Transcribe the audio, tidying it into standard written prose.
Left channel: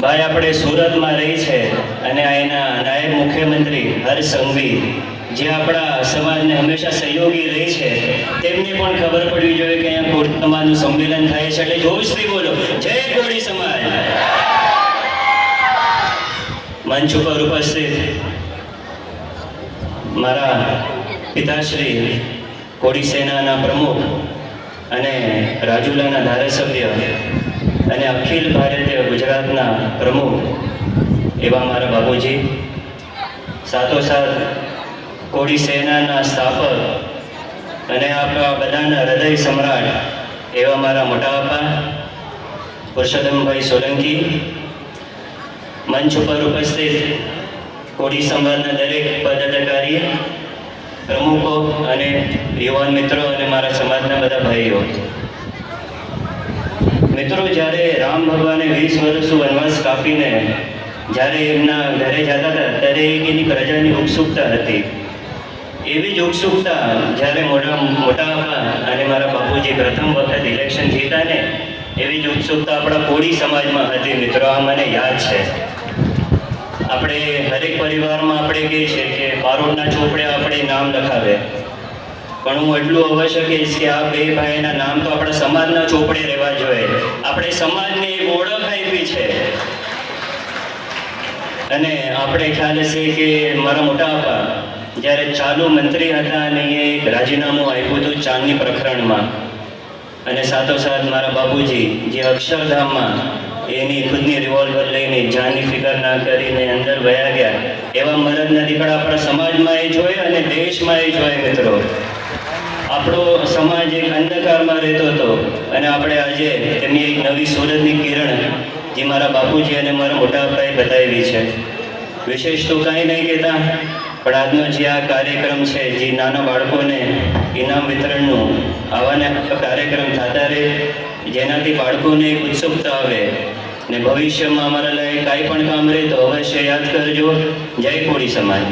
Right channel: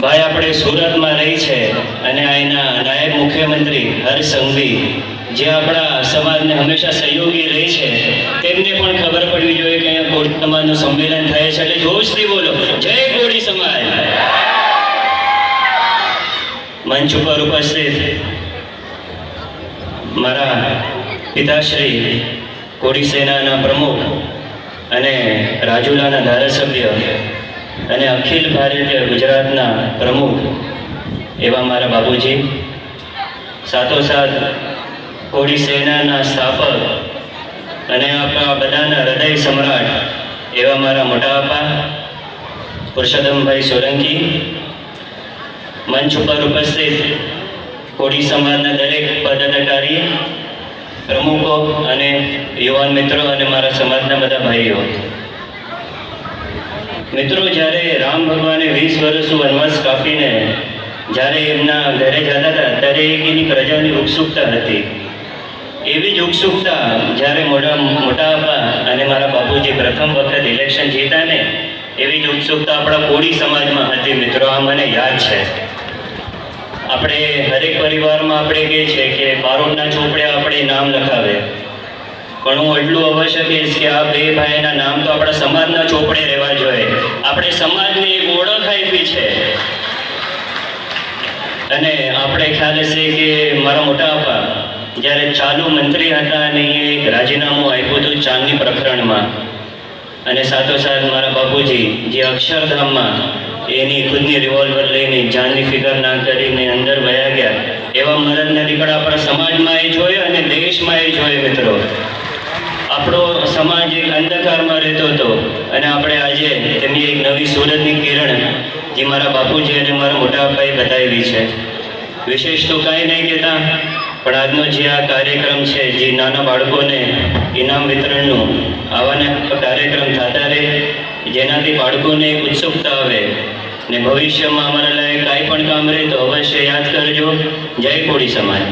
ભાઈ આપણે સુરતમાં રહી છે અને અહીંના નાયબ મુખ્યમંત્રી હર્ષ સંઘવી જે આપણા સમાજને હંમેશા સહયોગી રહી છે, તેમને પણ ખબર પડવી જોઈએ કે અહીંયા કોળી સમાજનું સંમેલન થાય છે, એટલે જોશથી બોલો જય કોળી સમાજ. મંચ ઉપર ઉપસ્થિત મારા પિતાશ્રી કોળી સેનાના પ્રમુખ અને રાજુલાના ધારાસભ્ય અને અખિલ ભારતીય ગુજરાતના પ્રમુખ એવા મારા બાપુજી, સાથોસાથ કોળી સેનાના સ્થાપક અને આપણા બધાના હૃદય સમ્રાટ એવા મારા મોટા બાપા પુરુષોત્તમભાઈ સોલંકી, મંચ ઉપર ઉપસ્થિત કોળી સમાજના દરેક પદાધિકારી, પ્રમુખો અને યુવાન મિત્રો અને મારા સમાજના બધા ભાઈઓ. મિત્રો, જ્યારે રામ ભગવાને 20 વર્ષ વનવાસ કાપીને જ્યારે એમના ઘરે જતા હતા ત્યારે એની પ્રજાની ઉત્સુકતા હતી. એવી જ ઉત્સુકતા જ્યારે મોટા બાપા અને મારા બાપુજી પ્રથમ વખત ઇલેક્શન જીતા ને, એવી જ ઉત્સુકતા આપણા કોળી સમાજમાં હતી. મિત્રો, આ મને યાદ છે. આપણે હરેક પરિવારમાં આપણે કહીએ છીએ કે બારોટના ચોપડે આપણે નામ લખાવે, પણ હું એટલું અવશ્ય કહીશ કે આ બે ભાઈના નામ તો આપણા સમાજના ચોપડે રહેવા જોઈએ. આપણે સમાજને એક ઓળખ આપી છે. અને આપણે ખ્યાલ હશે કે મારા મોટા બાપા જ્યારે ચાલુ મંત્રી હતા અને એ એક રાજીનામું આપ્યું હતું ચાંદની પ્રકરણમાં, અને સાથોસાથ મારા બાપુજી જે અક્ષરધામમાં એની ખુદની રિવોલ્વર લઈને જાનની ફિકર ના કરીને અંદર વયા ગયા, એવા મરદના દીકરા આપણા સમાજમાં એ જોઈએ અને દેશમાં એ જોઈએ. મિત્રો, આપણો સમાજ એક અંધકારમાં રહેતો હતો અને આપણે આજે તેમની એક નવી સુરતની કિરણ જે મારા બાપુજી અને મારા મોટા બાપાએ બતાવી છે. વિશેષ તો કાંઈ નહીં કહેતા, પણ આજનો જે આ કાર્યક્રમ છે, જે નાના બાળકોને ઇનામ વિતરણનું આવાના કાર્યક્રમ થતા રહે, જેનાથી બાળકોને એક ઉત્સુકતા આવે ને ભવિષ્યમાં અમારા લાયક કાંઈ પણ કામ રહે તો અવશ્ય યાદ કરજો. જય કોળી સમાજ.